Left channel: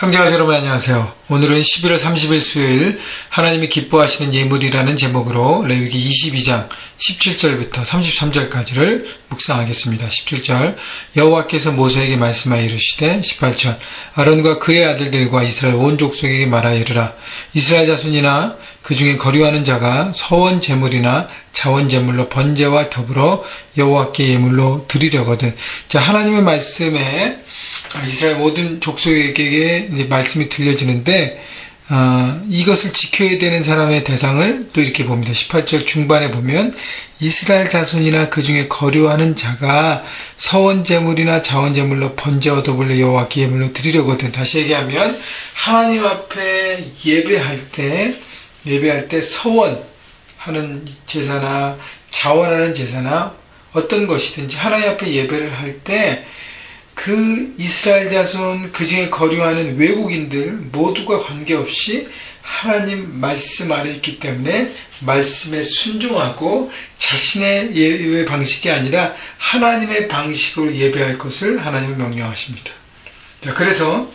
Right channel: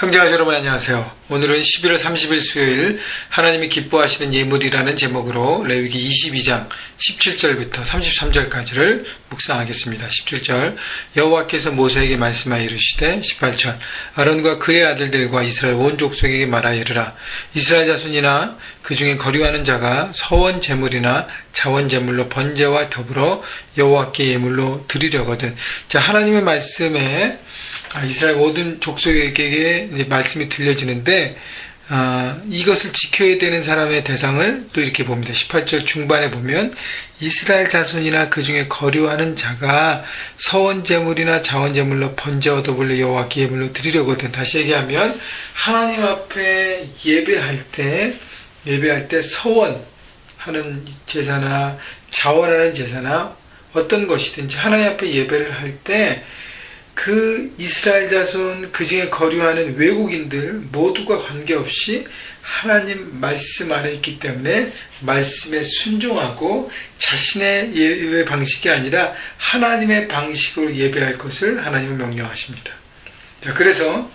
형제와 여러분 안녕하세요. 오늘은 11월 30일 수요일 하나님이 기뻐하시는 예물이라는 제목으로 레위기 22장 17절부터 33절까지를 묵상하겠습니다. 17절 여호와께서 모세에게 말씀하여 이르시되 18절 아론과 그의 아들들과 이스라엘 온 족속에게 말하여 이르라. 이스라엘 자손이나 그 중에 거류하는 자가 서원 제물이나 자원 제물로 번제와 더불어 여호와께 예물로 드리려거든. 자, 하나님의 말씀에 이스라엘 모든 족속에게 말씀이 들려지는데 이것을 지켜야 되는 사람의 대상을 또 이렇게 봅니다. 18절 중반에 보면 이스라엘 자손이나 그 중에 거류하는 자가 서원 제물이나 자원 제물로 번제와 더불어 여호와께 예물로 드리려거든. 다시 얘기하면 하나님 앞에 예배할 때 서원하는 제사나 자원하는 제사나 어떤 것이든지 하나님 앞에 예배를 할 때 그 이스라엘 자손 그 중에 거류하는 외국인들 모두가 관계없이 하나님 말씀 아래 있기 때문에 말씀에 순종하고 자신의 예배 방식이 아니라 하나님의 방식으로 예배할 것을 하나님은 명령하십니다. 자, 그래서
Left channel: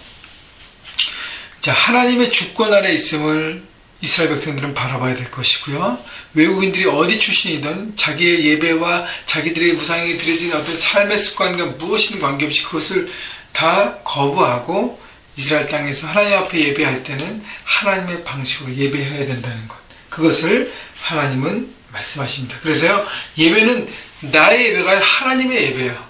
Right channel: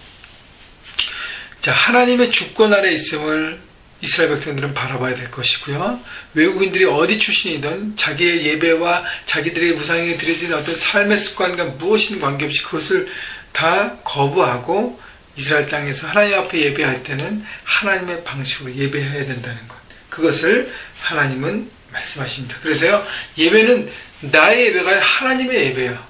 하나님의 주권 아래 있음을 이스라엘 백성들은 바라봐야 될 것이고요. 외국인들이 어디 출신이든 자기의 예배와 자기들의 우상에 드려진 어떤 삶의 습관과 무엇이든 관계없이 그것을 다 거부하고 이스라엘 땅에서 하나님 앞에 예배할 때는 하나님의 방식으로 예배해야 된다는 것. 그것을 하나님은 말씀하십니다. 그래서요, 예배는 나의 예배가 하나님의 예배예요.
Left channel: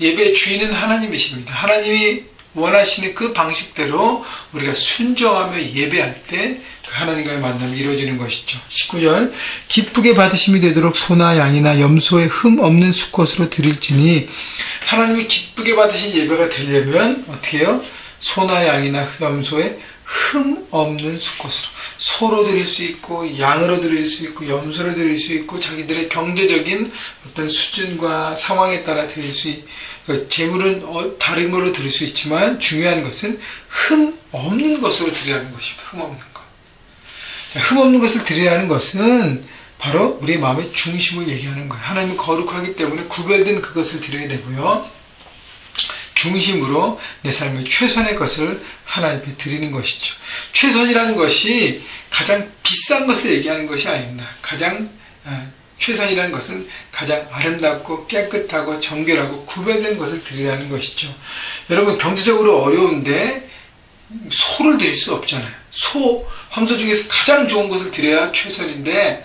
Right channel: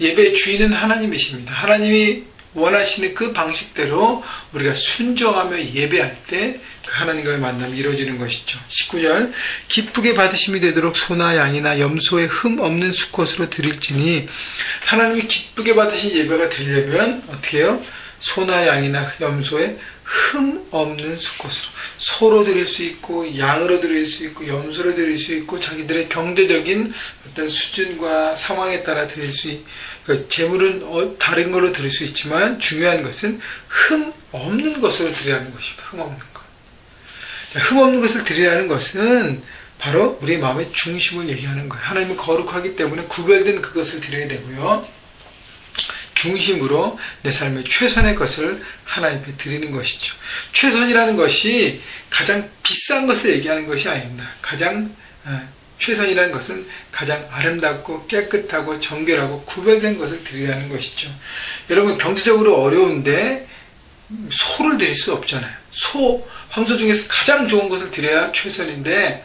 예배의 주인은 하나님이십니다. 하나님이 원하시는 그 방식대로 우리가 순종하며 예배할 때 그 하나님과의 만남이 이루어지는 것이죠. 19절 기쁘게 받으심이 되도록 소나 양이나 염소의 흠 없는 수컷으로 드릴지니 하나님이 기쁘게 받으신 예배가 되려면 어떻게 해요? 소나 양이나 염소의 흠 없는 수컷으로 소로 드릴 수 있고 양으로 드릴 수 있고 염소로 드릴 수 있고 자기들의 경제적인 어떤 수준과 상황에 따라 드릴 수 있고 제물은 다른 걸로 드릴 수 있지만 중요한 것은 흠 없는 것으로 드리라는 것입니다. 흠 없는 것. 흠 없는 것을 드리라는 것은 바로 우리의 마음의 중심을 얘기하는 거예요. 하나님이 거룩하기 때문에 구별된 그것을 드려야 되고요. 중심으로 내 삶의 최선의 것을 하나님께 드리는 것이죠. 최선이라는 것이 가장 비싼 것을 얘기하는 것이 아닙니다. 최선이라는 것은 가장 아름답고 깨끗하고 정결하고 구별된 것을 드리라는 것이죠. 여러분 경제적으로 어려운데 소를 드릴 수 없잖아요. 황소 중에서 가장 좋은 것을 드려야 최선인데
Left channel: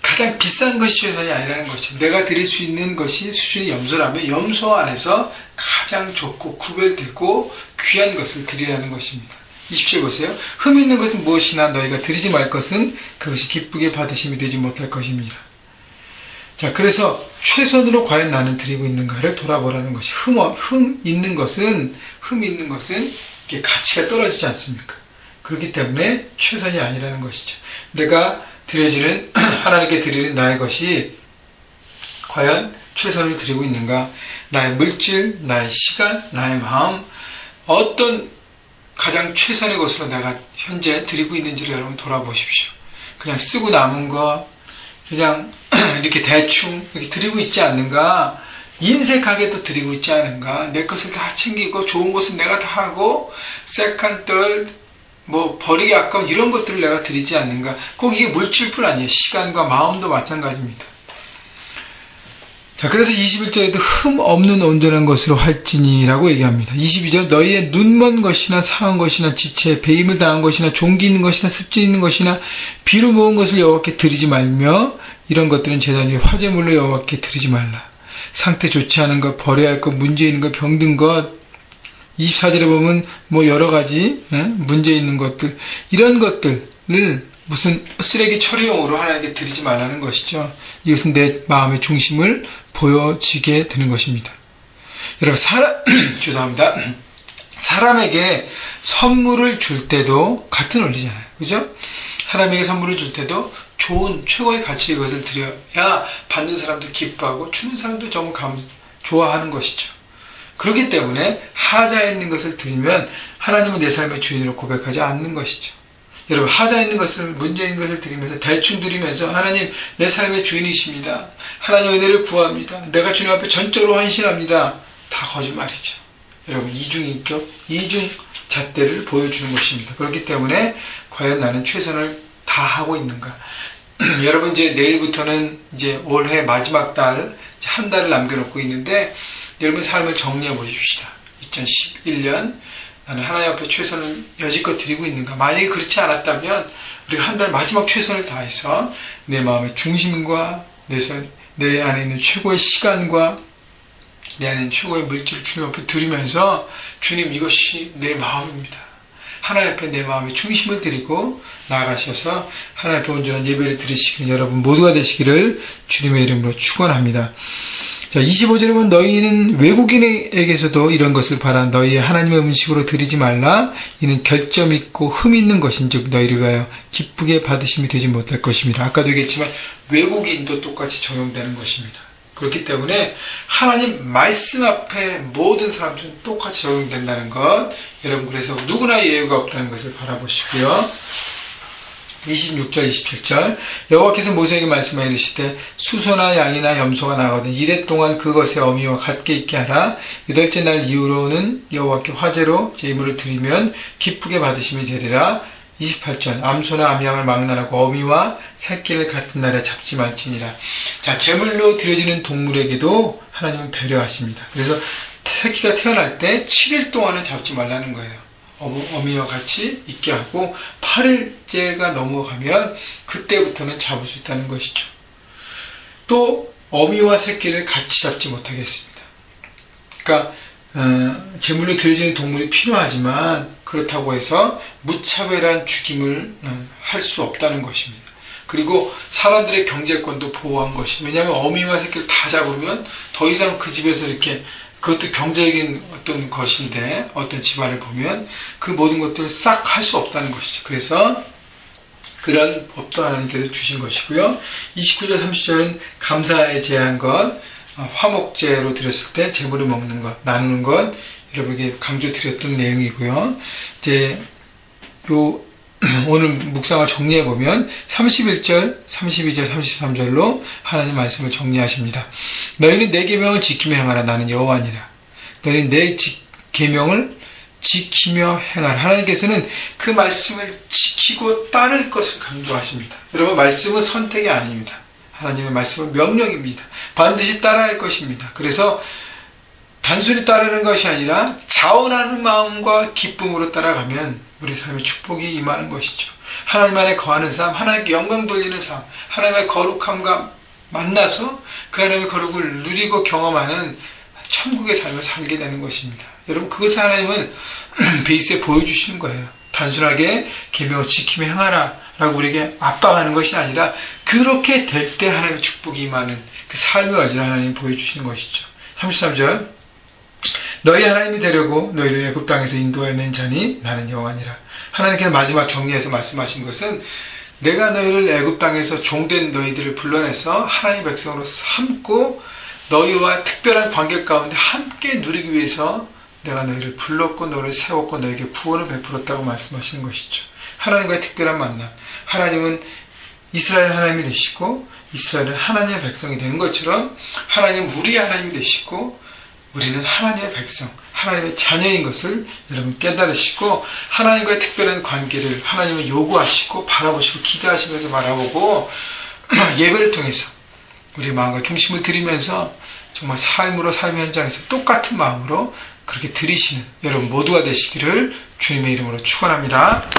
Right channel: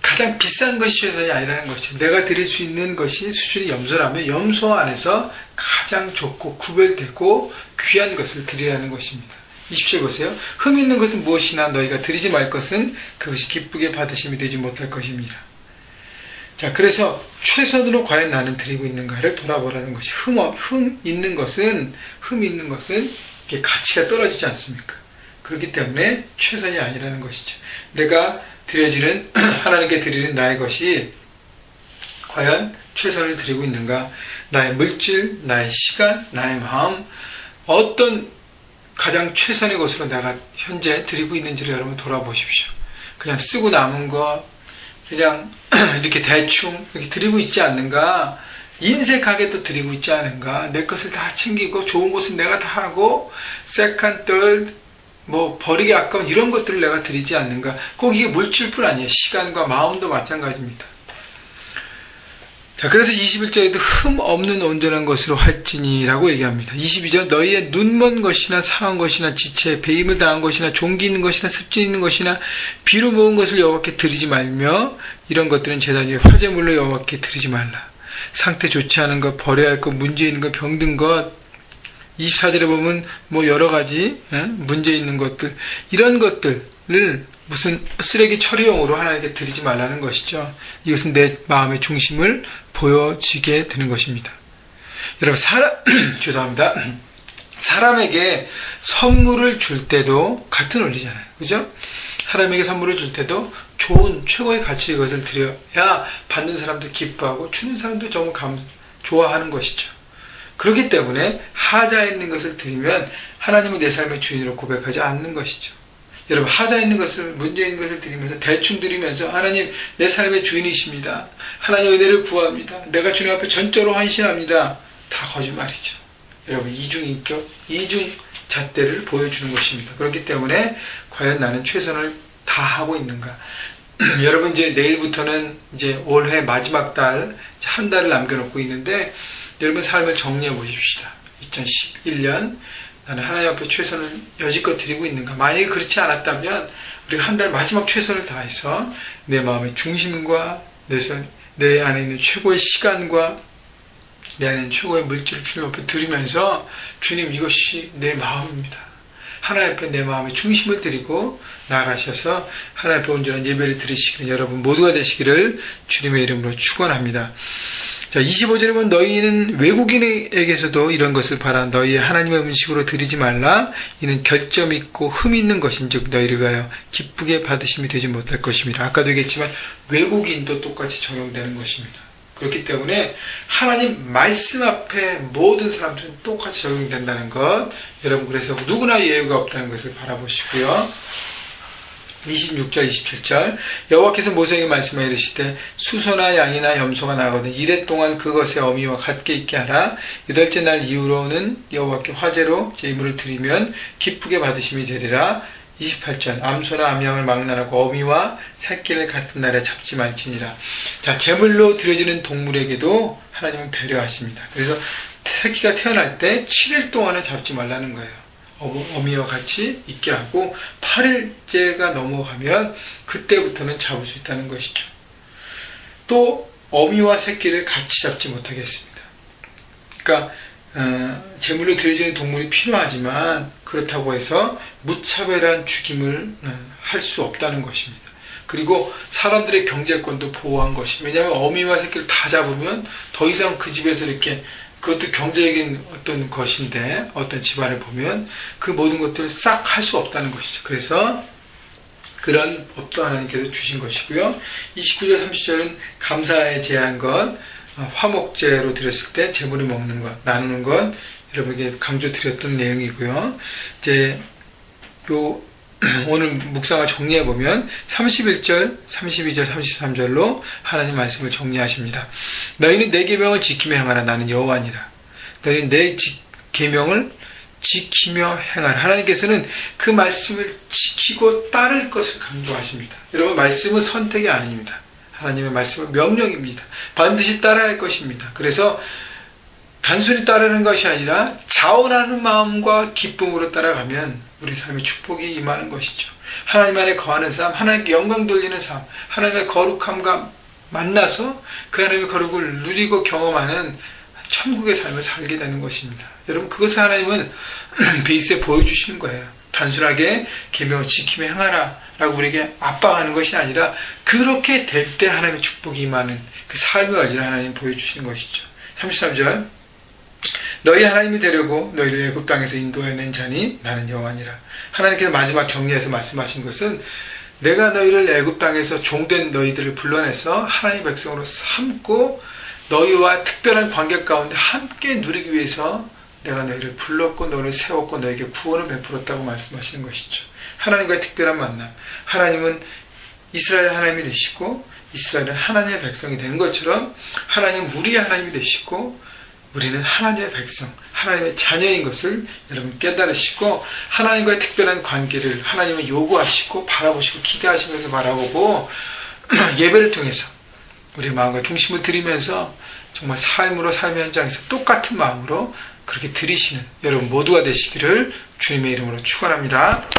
가장 비싼 것이 최선이 아니라는 것이죠. 내가 드릴 수 있는 것이 수준이 염소라면 염소 안에서 가장 좋고 구별되고 귀한 것을 드리라는 것입니다. 27 보세요. 흠 있는 것은 무엇이나 너희가 드리지 말 것은 그것이 기쁘게 받으심이 되지 못할 것입니다. 자, 그래서 최선으로 과연 나는 드리고 있는가를 돌아보라는 것이 흠 있는 것은 이게 가치가 떨어지지 않습니까? 그렇기 때문에 최선이 아니라는 것이죠. 내가 드려지는 하나님께 드리는 나의 것이 과연 최선을 드리고 있는가? 나의 물질, 나의 시간, 나의 마음 어떤 가장 최선의 것으로 내가 현재 드리고 있는지를 여러분 돌아보십시오. 그냥 쓰고 남은 거 그냥 이렇게 대충 이렇게 드리고 있지 않는가? 인색하게도 드리고 있지 않은가? 내 것을 다 챙기고 좋은 것은 내가 다 하고 세컨, 덜 버리기 아까운 이런 것들을 내가 드리지 않는가? 꼭 이게 물질뿐 아니에요. 시간과 마음도 마찬가지입니다. 자, 그래서 21절에도 흠 없는 온전한 것으로 할지니라고 얘기합니다. 22절 너희의 눈먼 것이나 상한 것이나 지체, 배임을 당한 것이나 종기 있는 것이나 습진 있는 것이나 비로 모은 것을 여호와께 드리지 말며 이런 것들은 제단 위에 화제물로 여호와께 드리지 말라. 상태 좋지 않은 것, 버려야 할 것, 문제 있는 것, 병든 것 24절에 보면 여러 가지 문제 있는 것들 이런 것들을 무슨 쓰레기 처리용으로 하나님께 드리지 말라는 것이죠. 이것은 내 마음의 중심을 보여지게 되는 것입니다. 여러분 죄송합니다. 사람에게 선물을 줄 때도 같은 원리잖아요. 그죠? 사람에게 선물을 줄 때도 좋은 최고의 가치의 것을 드려야 받는 사람도 기뻐하고 주는 사람도 정말 좋아하는 것이죠. 그렇기 때문에 하자 있는 것을 드리면 하나님은 내 삶의 주인으로 고백하지 않는 것이죠. 여러분 하자 있는 것을 문제 있는 것을 드리면서 대충 드리면서 하나님 내 삶의 주인이십니다. 하나님 은혜를 구합니다. 내가 주님 앞에 전적으로 헌신합니다. 다 거짓말이죠. 여러분 이중인격, 이중 잣대를 보여주는 것입니다. 그렇기 때문에 과연 나는 최선을 다하고 있는가? 여러분 이제 내일부터는 이제 올해 마지막 달, 한 달을 남겨놓고 있는데 여러분 삶을 정리해 보십시다. 2011년 나는 하나님 앞에 최선을 여지껏 드리고 있는가? 만약에 그렇지 않았다면 우리가 한 달 마지막 최선을 다해서 내 마음의 중심과 내 안에 있는 최고의 시간과 내 안에 있는 최고의 물질을 주님 앞에 드리면서 주님 이것이 내 마음입니다. 하나님 앞에 내 마음의 중심을 드리고 나아가셔서 하나님 앞에 온전한 예배를 드리시기를 여러분 모두가 되시기를 주님의 이름으로 축원합니다. 자, 25절에 보면 너희는 외국인에게서도 이런 것을 바라 너희의 하나님의 음식으로 드리지 말라. 이는 결점 있고 흠 있는 것인즉 너희를 위하여 기쁘게 받으심이 되지 못할 것입니다. 아까도 얘기했지만 외국인도 똑같이 적용되는 것입니다. 그렇기 때문에 하나님 말씀 앞에 모든 사람들은 똑같이 적용된다는 것, 여러분 그래서 누구나 예외가 없다는 것을 바라보시고요. 26절 27절 여호와께서 모세에게 말씀하여 이르시되 수소나 양이나 염소가 나거든 이래 동안 그것의 어미와 같게 있게 하라. 여덟째 날 이후로는 여호와께 화제로 제물을 드리면 기쁘게 받으심이 되리라. 28절 암소나 암양을 망라하고 어미와 새끼를 같은 날에 잡지 말지니라. 자, 제물로 드려지는 동물에게도 하나님은 배려하십니다. 그래서 새끼가 태어날 때 7일 동안은 잡지 말라는 거예요. 어미와 같이 있게 하고 8일째가 넘어가면 그때부터는 잡을 수 있다는 것이죠. 또 어미와 새끼를 같이 잡지 못하게 했습니다. 그러니까 제물로 드려지는 동물이 필요하지만 그렇다고 해서 무차별한 죽임을 할 수 없다는 것입니다. 그리고 사람들의 경제권도 보호한 것이, 왜냐하면 어미와 새끼를 다 잡으면 더 이상 그 집에서 이렇게, 그것도 경제적인 어떤 것인데 어떤 집안을 보면 그 모든 것들을 싹 할 수 없다는 것이죠. 그래서 그런 법도 하나님께서 주신 것이고요. 29절 30절은 감사에 제한 것, 화목제로 드렸을 때 제물을 먹는 것, 나누는 것, 여러분에게 강조드렸던 내용이고요. 이제 오늘 묵상을 정리해보면 31절, 32절, 33절로 하나님 말씀을 정리하십니다. 너희는 내 계명을 지키며 행하라. 나는 여호와니라. 너희는 내 계명을 지키며 행하라. 하나님께서는 그 말씀을 지키고 따를 것을 강조하십니다. 여러분, 말씀은 선택이 아닙니다. 하나님의 말씀은 명령입니다. 반드시 따라야 할 것입니다. 그래서 단순히 따르는 것이 아니라 자원하는 마음과 기쁨으로 따라가면 우리 삶의 축복이 임하는 것이죠. 하나님 안에 거하는 삶, 하나님께 영광 돌리는 삶, 하나님의 거룩함과 만나서 그 하나님의 거룩을 누리고 경험하는 천국의 삶을 살게 되는 것입니다. 여러분, 그것을 하나님은 베이스에 보여주시는 거예요. 단순하게 계명을 지키며 행하라 라고 우리에게 압박하는 것이 아니라 그렇게 될 때 하나님의 축복이 임하는 그 삶의 얼지를 하나님이 보여주시는 것이죠. 33절 너희 하나님이 되려고 너희를 애굽 땅에서 인도해낸 자니 나는 여호와니라. 하나님께서 마지막 정리해서 말씀하신 것은 내가 너희를 애굽 땅에서 종된 너희들을 불러내서 하나님의 백성으로 삼고 너희와 특별한 관계 가운데 함께 누리기 위해서 내가 너희를 불렀고 너를 세웠고 너에게 구원을 베풀었다고 말씀하시는 것이죠. 하나님과의 특별한 만남, 하나님은 이스라엘 하나님이 되시고 이스라엘은 하나님의 백성이 되는 것처럼 하나님은 우리의 하나님이 되시고 우리는 하나님의 백성, 하나님의 자녀인 것을 여러분 깨달으시고 하나님과의 특별한 관계를 하나님은 요구하시고 바라보시고 기대하시면서 바라보고 예배를 통해서 우리의 마음과 중심을 드리면서 정말 삶으로 삶의 현장에서 똑같은 마음으로 그렇게 드리시는 여러분 모두가 되시기를 주님의 이름으로 축원합니다.